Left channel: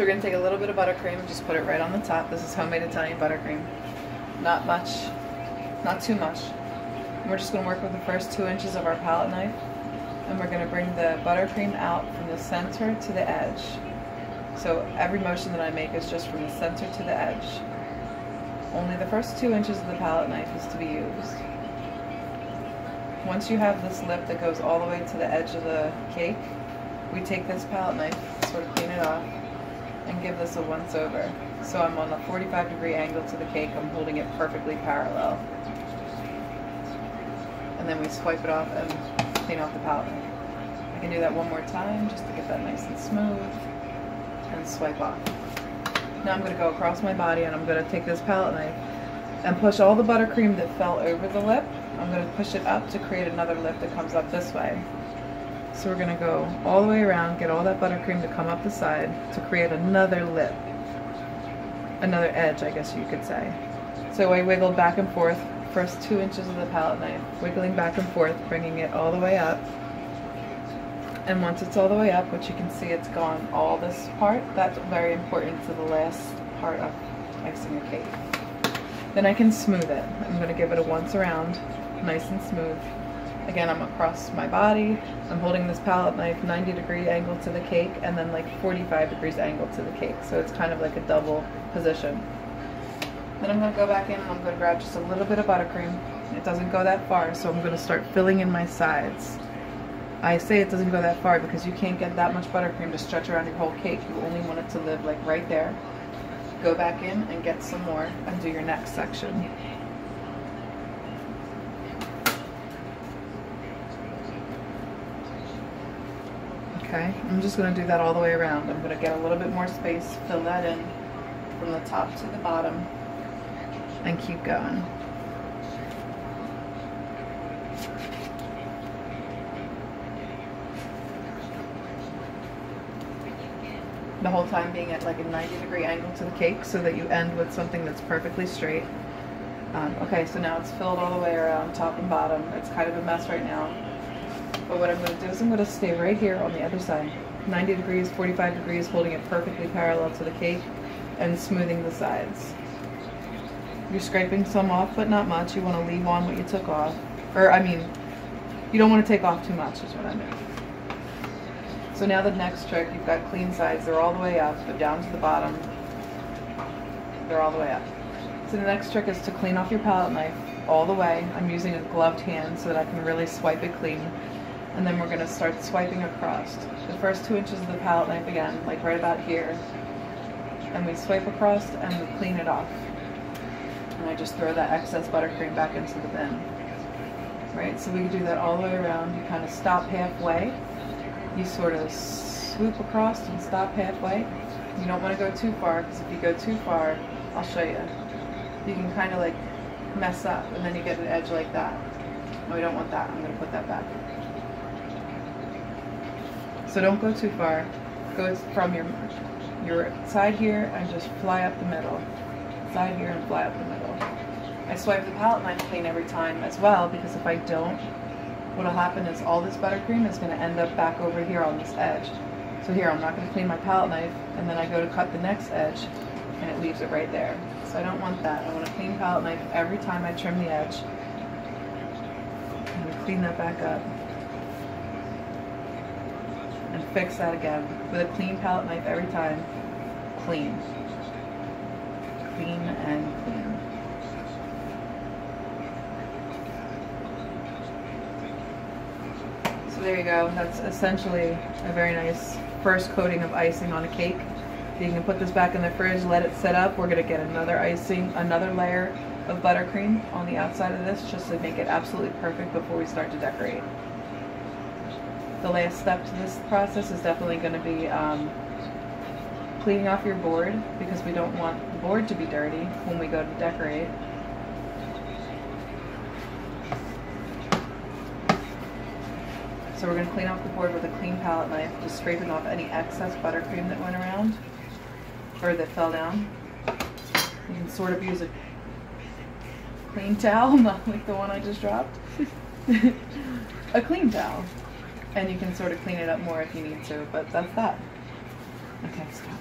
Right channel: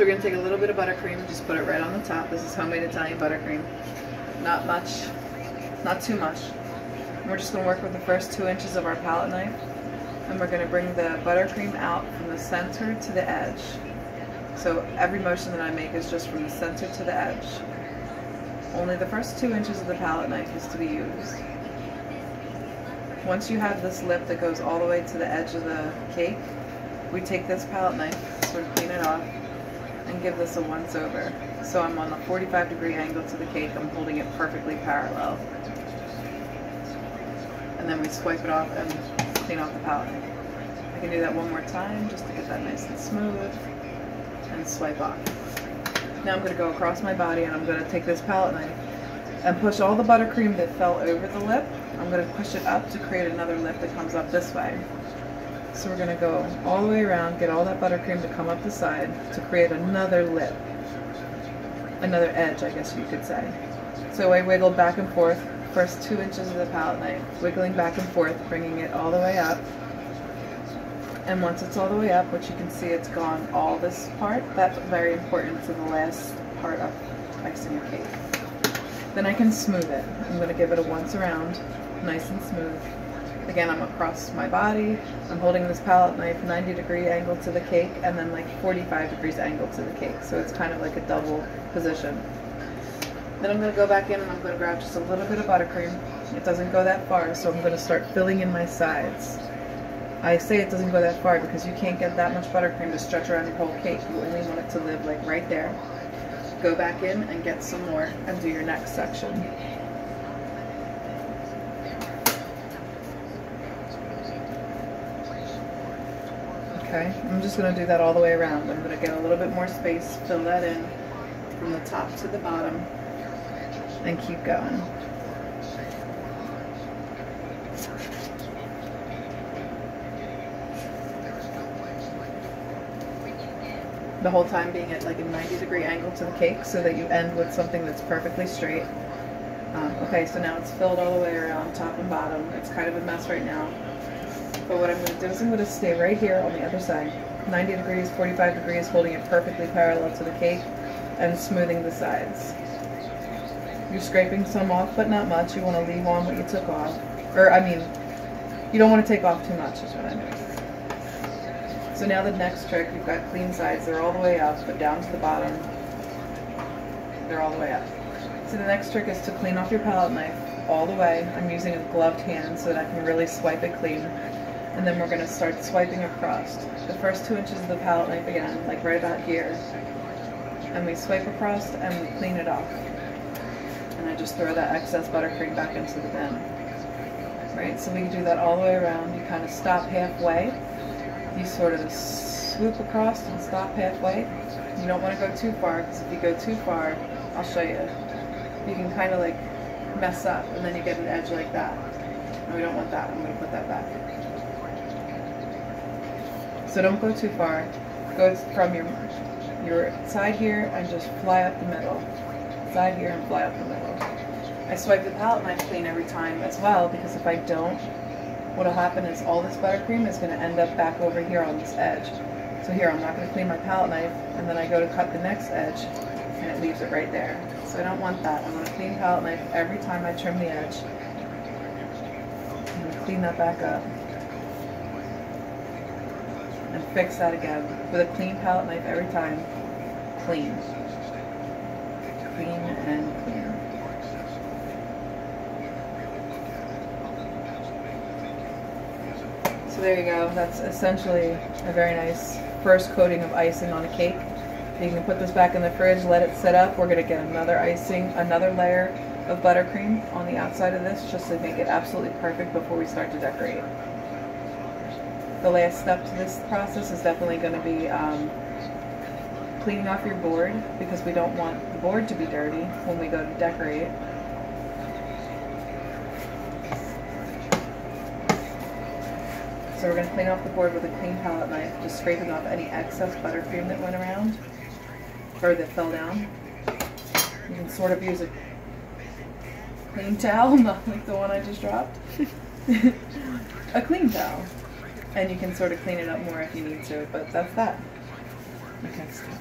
So we're going to take a little bit of buttercream, just put it right on the top. This is homemade Italian buttercream. Not much, not too much. And we're just going to work with the first 2 inches of our palette knife. And we're going to bring the buttercream out from the center to the edge. So every motion that I make is just from the center to the edge. Only the first 2 inches of the palette knife is to be used. Once you have this lip that goes all the way to the edge of the cake, we take this palette knife, sort of clean it off, and give this a once over. So I'm on a 45-degree angle to the cake, I'm holding it perfectly parallel. And then we swipe it off and clean off the palette. I can do that one more time just to get that nice and smooth, and swipe off. Now I'm going to go across my body and I'm going to take this palette knife and push all the buttercream that fell over the lip. I'm going to push it up to create another lip that comes up this way. So we're going to go all the way around, get all that buttercream to come up the side to create another lip. Another edge, I guess you could say. So I wiggle back and forth, first 2 inches of the palette knife, wiggling back and forth, bringing it all the way up. And once it's all the way up, which you can see it's gone all this part, that's very important to the last part of icing a cake. Then I can smooth it. I'm going to give it a once around, nice and smooth. Again, I'm across my body, I'm holding this palette knife 90-degree angle to the cake and then like 45 degrees angle to the cake, so it's kind of like a double position. Then I'm going to go back in and I'm going to grab just a little bit of buttercream. It doesn't go that far, so I'm going to start filling in my sides. I say it doesn't go that far because you can't get that much buttercream to stretch around your whole cake. You only want it to live like right there. Go back in and get some more and do your next section. Okay, I'm just going to do that all the way around. I'm going to get a little bit more space, fill that in from the top to the bottom, and keep going. The whole time being at like a 90-degree angle to the cake so that you end with something that's perfectly straight. Okay, so now it's filled all the way around, top and bottom. It's kind of a mess right now. But what I'm going to do is I'm going to stay right here on the other side. 90 degrees, 45 degrees, holding it perfectly parallel to the cake and smoothing the sides. You're scraping some off, but not much. You want to leave on what you took off. Or, I mean, you don't want to take off too much is what I mean. So now the next trick, you've got clean sides, they're all the way up, but down to the bottom, they're all the way up. So the next trick is to clean off your palette knife all the way. I'm using a gloved hand so that I can really swipe it clean. And then we're going to start swiping across. The first 2 inches of the palette knife again, like right about here. And we swipe across and we clean it off. And I just throw that excess buttercream back into the bin. Right, so we can do that all the way around. You kind of stop halfway. You sort of swoop across and stop halfway. You don't want to go too far, because if you go too far, I'll show you. You can kind of like mess up, and then you get an edge like that. And we don't want that. I'm going to put that back. So don't go too far. Go from your side here and just fly up the middle. Side here and fly up the middle. I swipe the palette knife clean every time as well, because if I don't, what'll happen is all this buttercream is going to end up back over here on this edge. So here, I'm not going to clean my palette knife, and then I go to cut the next edge, and it leaves it right there. So I don't want that. I want to clean palette knife every time I trim the edge. And we clean that back up. And fix that again. With a clean palette knife every time. Clean. Clean and clean. So there you go. That's essentially a very nice first coating of icing on a cake. You can put this back in the fridge, let it set up. We're going to get another icing, another layer of buttercream on the outside of this just to make it absolutely perfect before we start to decorate. The last step to this process is definitely going to be cleaning off your board, because we don't want the board to be dirty when we go to decorate. So we're going to clean off the board with a clean palette knife, just scraping off any excess buttercream that went around, or that fell down. You can sort of use a clean towel, not like the one I just dropped. A clean towel. And you can sort of clean it up more if you need to, but that's that. Okay, stop.